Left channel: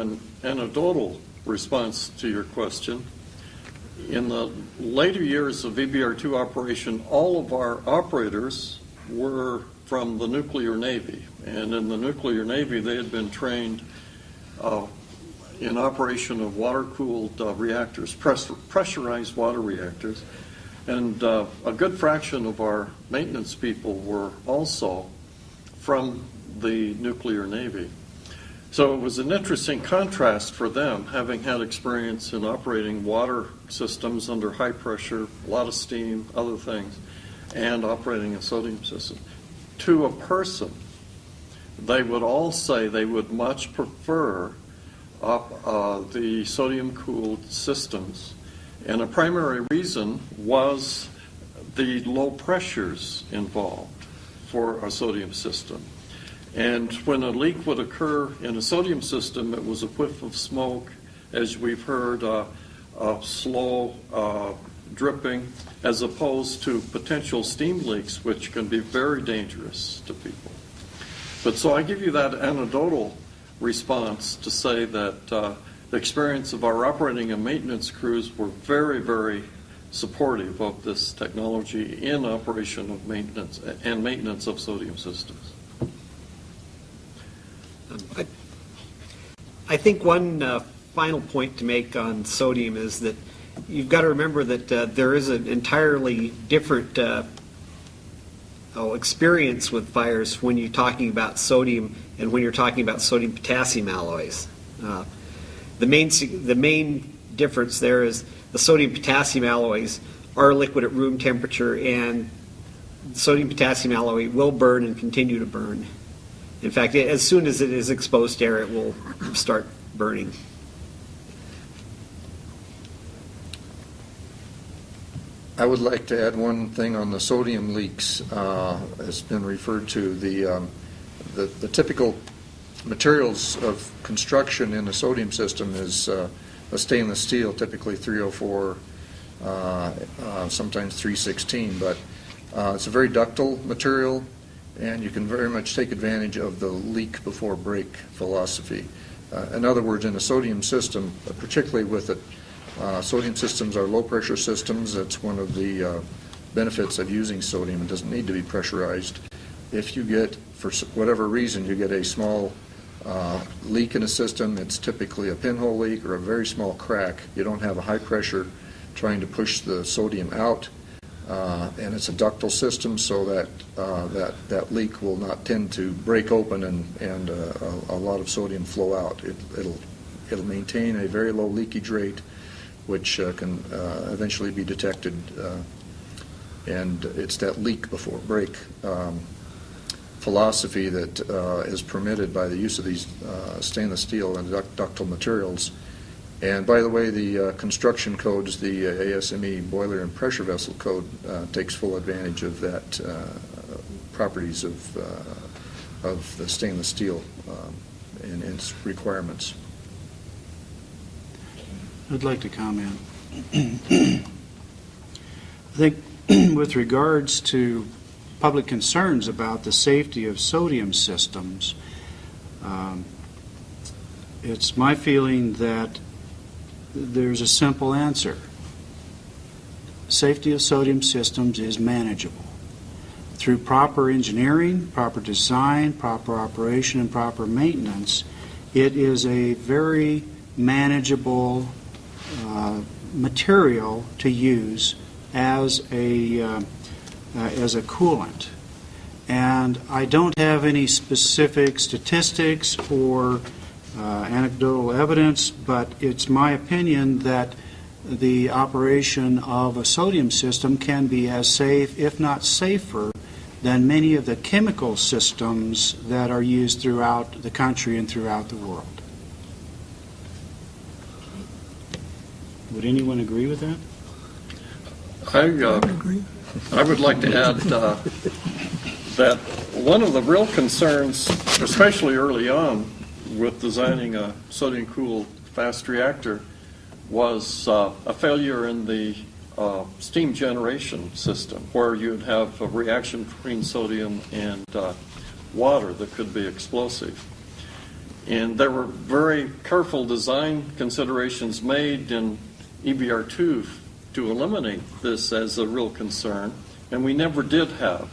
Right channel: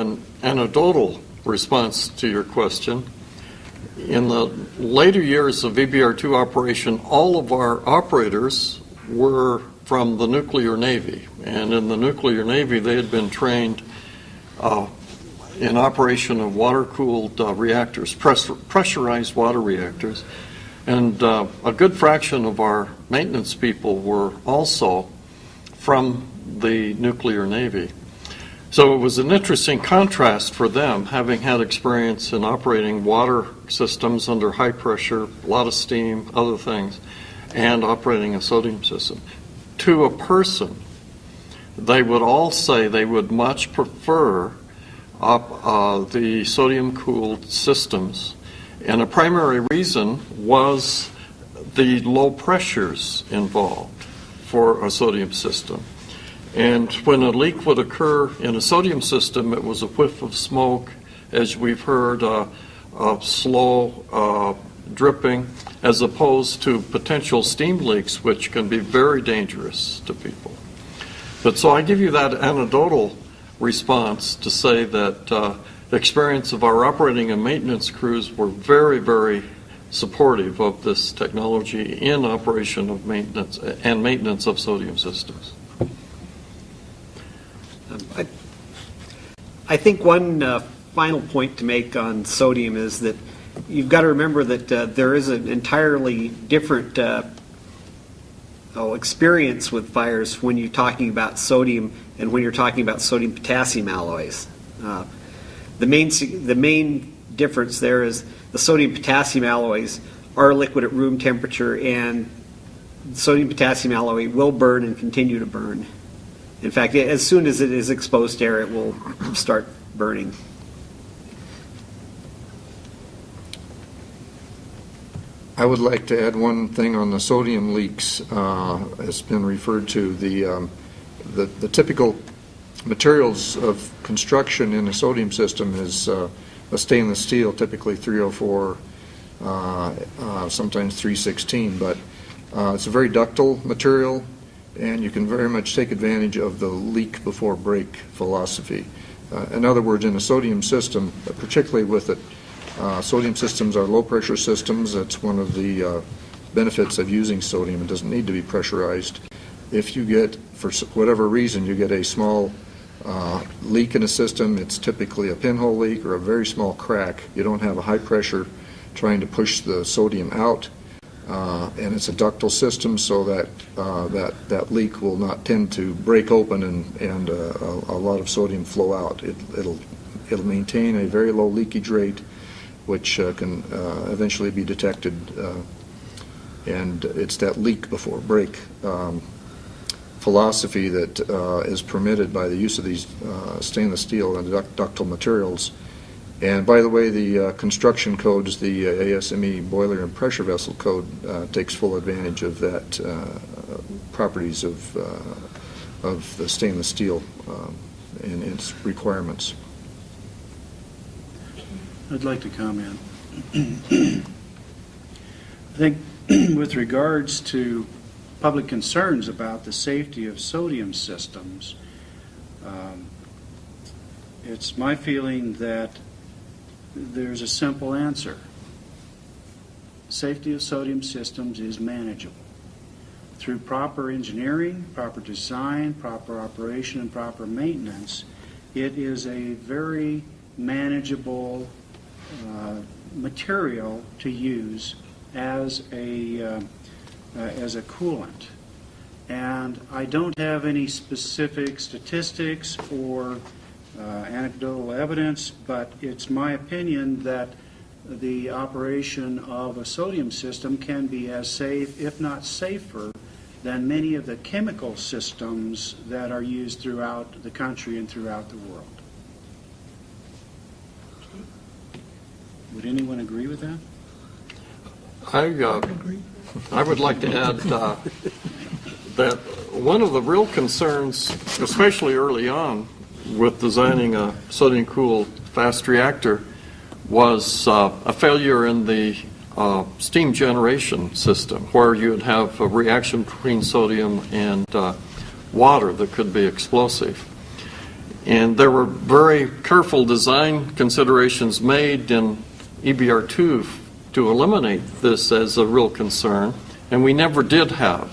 an anecdotal response to your question. In the later years of EBR-2 operation, all of our operators were from the nuclear Navy. And in the nuclear Navy, they had been trained in operation of water-cooled reactors, pressurized water reactors. And a good fraction of our maintenance people were also from the nuclear Navy. So it was an interesting contrast for them, having had experience in operating water systems under high pressure, a lot of steam, other things, and operating a sodium system. To a person, they would all say they would much prefer the sodium-cooled systems. And a primary reason was the low pressures involved for a sodium system. And when a leak would occur in a sodium system, it was a whiff of smoke, as we've heard, slow dripping, as opposed to potential steam leaks, which can be very dangerous to people. But so I give you that anecdotal response to say that the experience of our operating and maintenance crews were very, very supportive of this technology in operation of maintenance and maintenance of sodium systems. I think one final point to make on sodium is that you've got to remember that there is an entirely different experience with fires when you're talking about sodium and when you're talking about sodium-potassium alloys. The main difference there is the sodium-potassium alloys are liquid at room temperature, and sodium-potassium alloy will burn and continue to burn. In fact, as soon as it is exposed to air, it will start burning. I would like to add one thing on the sodium leaks. Has been referred to. The typical materials of construction in a sodium system is a stainless steel, typically 304, sometimes 316, but it's a very ductile material, and you can very much take advantage of the leak before break philosophy. In other words, in a sodium system, particularly with it, sodium systems are low pressure systems. That's one of the benefits of using sodium. It doesn't need to be pressurized. If you get, for whatever reason, you get a small leak in a system, it's typically a pinhole leak or a very small crack. You don't have a high pressure trying to push the sodium out. And it's a ductile system, so that that leak will not tend to break open and a lot of sodium flow out. It'll maintain a very low leakage rate, which can eventually be detected, and it's that leak before break philosophy that is permitted by the use of these stainless steel and ductile materials. And by the way, the construction codes, the ASME boiler and pressure vessel code takes full advantage of that properties of the stainless steel and its requirements. I'd like to comment. I think with regards to public concerns about the safety of sodium systems, it's my feeling that there's a simple answer. Safety of sodium systems is manageable. Through proper engineering, proper design, proper operation, and proper maintenance, it is a very manageable material to use as a coolant. And I don't have any specific statistics or anecdotal evidence, but it's my opinion that the operation of a sodium system can be as safe, if not safer, than many of the chemical systems that are used throughout the country and throughout the world. Would anyone agree with that? I would like to add that one of the real concerns, especially early on with designing a sodium-cooled fast reactor, was a failure in the steam generation system, where you'd have a reaction between sodium and water that could be explosive. And there were very careful design considerations made in EBR-2 to eliminate this as a real concern, and we never did have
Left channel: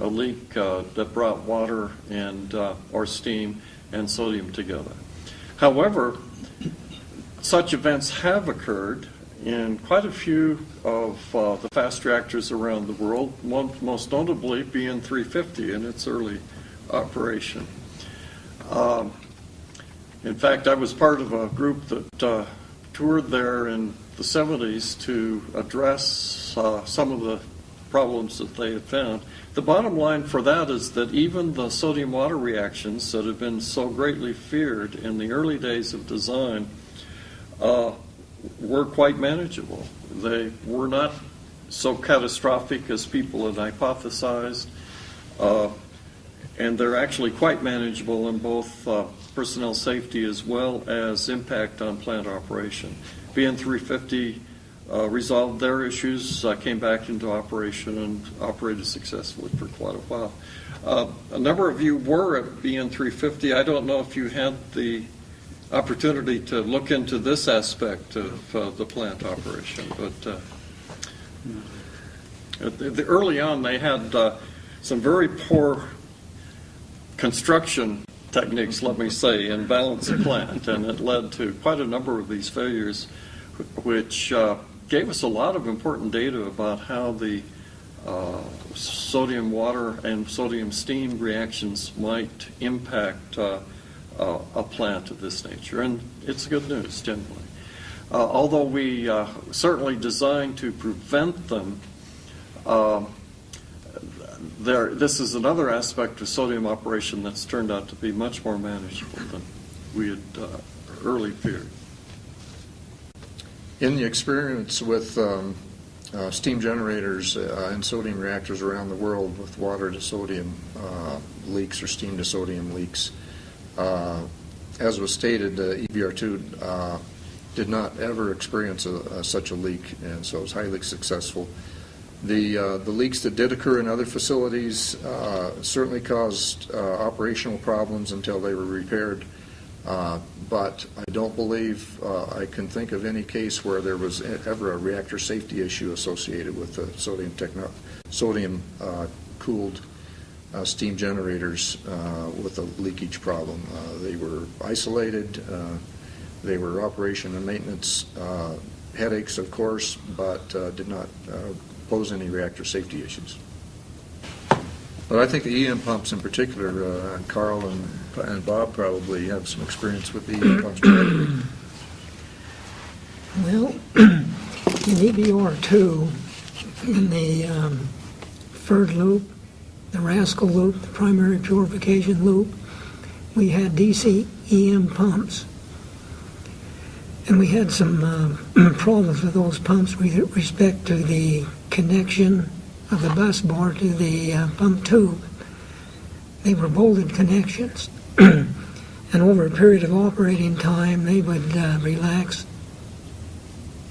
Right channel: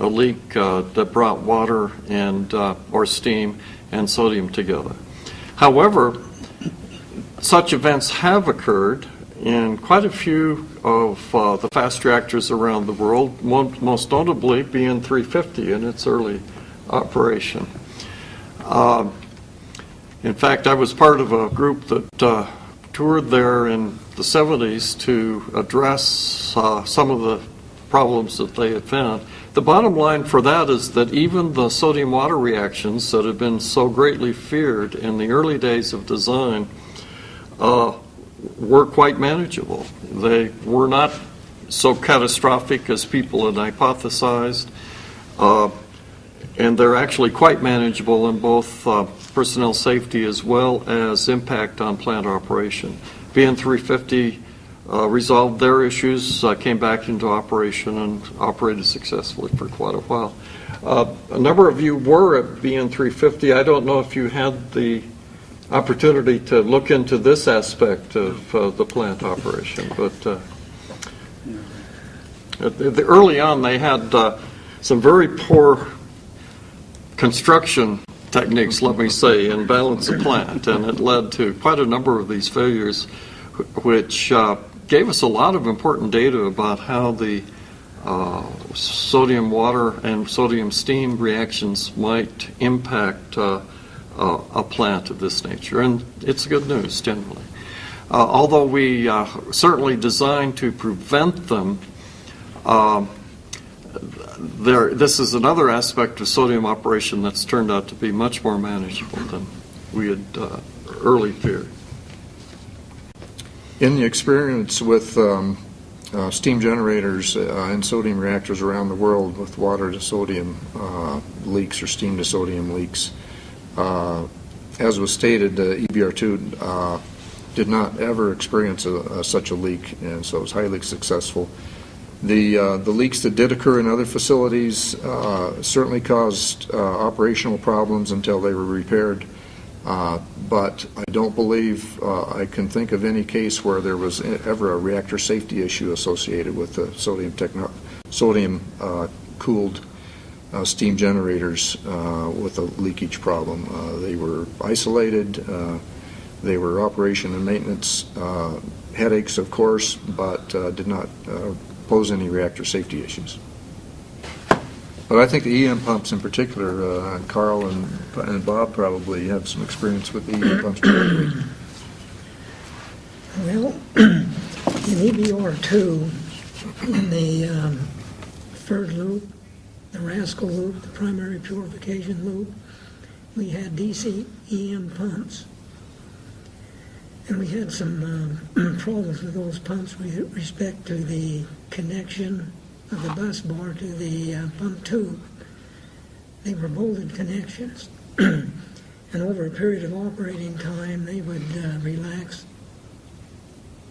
a leak that brought water and or steam and sodium together. However, such events have occurred in quite a few of the fast reactors around the world, most notably BN-350 in its early operation. In fact, I was part of a group that toured there in the 70s to address some of the problems that they had found. The bottom line for that is that even the sodium water reactions that have been so greatly feared in the early days of design were quite manageable. They were not so catastrophic as people had hypothesized, and they're actually quite manageable in both personnel safety as well as impact on plant operation. BN-350 resolved their issues, came back into operation, and operated successfully for quite a while. A number of you were at BN-350. I don't know if you had the opportunity to look into this aspect of the plant operation, but early on they had some very poor construction techniques, let me say, in balance of plant, and it led to quite a number of these failures, which gave us a lot of important data about how the sodium water and sodium steam reactions might impact a plant of this nature, and it's good news generally. Although we certainly designed to prevent them, this is another aspect of sodium operation that's turned out to be much more manageable than we had early feared. In the experience with steam generators and sodium reactors around the world with water to sodium leaks or steam to sodium leaks, as was stated, EBR-2 did not ever experience such a leak, and so it was highly successful. The leaks that did occur in other facilities certainly caused operational problems until they were repaired, but I don't believe I can think of any case where there was ever a reactor safety issue associated with the sodium cooled steam generators with a leakage problem. They were isolated, they were operation and maintenance headaches, of course, but did not pose any reactor safety issues. But I think the EM pumps in particular, Carl and Bob probably have some experience with the EM pumps. Well, in EBR-2, in the third loop, the Rascal loop, the primary purification loop, we had DC EM pumps. And we had some problems with those pumps with respect to the connection of the bus bar to the pump tube. They were bolted connections. And over a period of operating time, they would relax,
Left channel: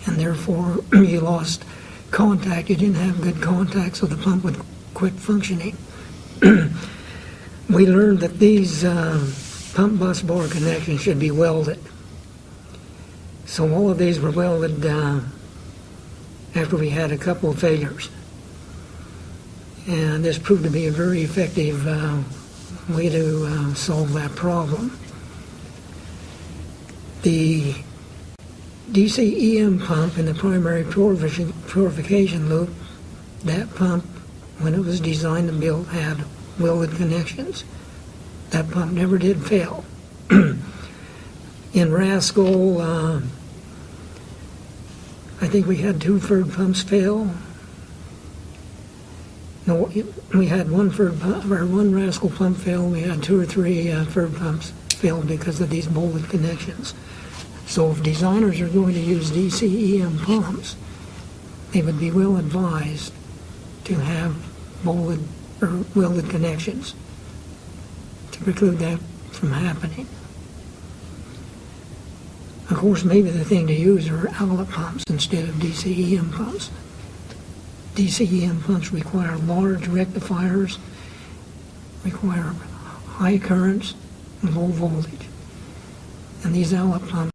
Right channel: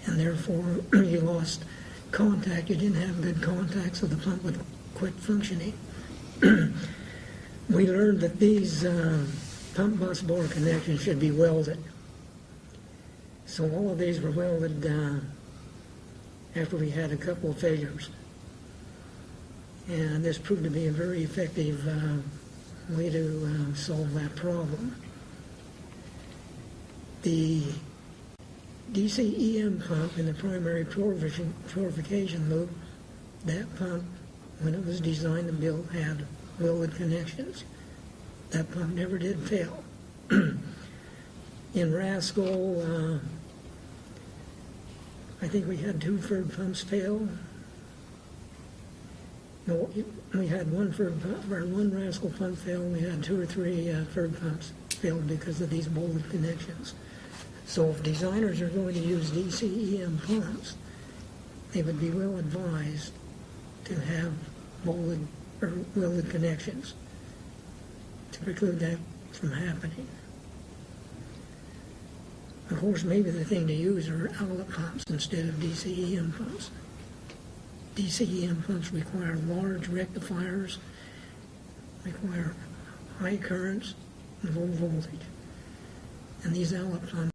and therefore you lost contact. You didn't have good contact, so the pump would quit functioning. We learned that these pump bus bar connections should be welded. So all of these were welded after we had a couple of failures. And this proved to be a very effective way to solve that problem. The DC EM pump in the primary purification loop, that pump, when it was designed and built, had welded connections. That pump never did fail. In Rascal, I think we had 2 third pumps fail. No, we had one Rascal pump fail. We had 2 or 3 third pumps fail because of these bolted connections. So if designers are going to use DC EM pumps, they would be well advised to have bolted or welded connections to preclude that from happening. Of course, maybe the thing to use are outlet pumps instead of DC EM pumps. DC EM pumps require large rectifiers, require high currents and low voltage. and these EBR-ll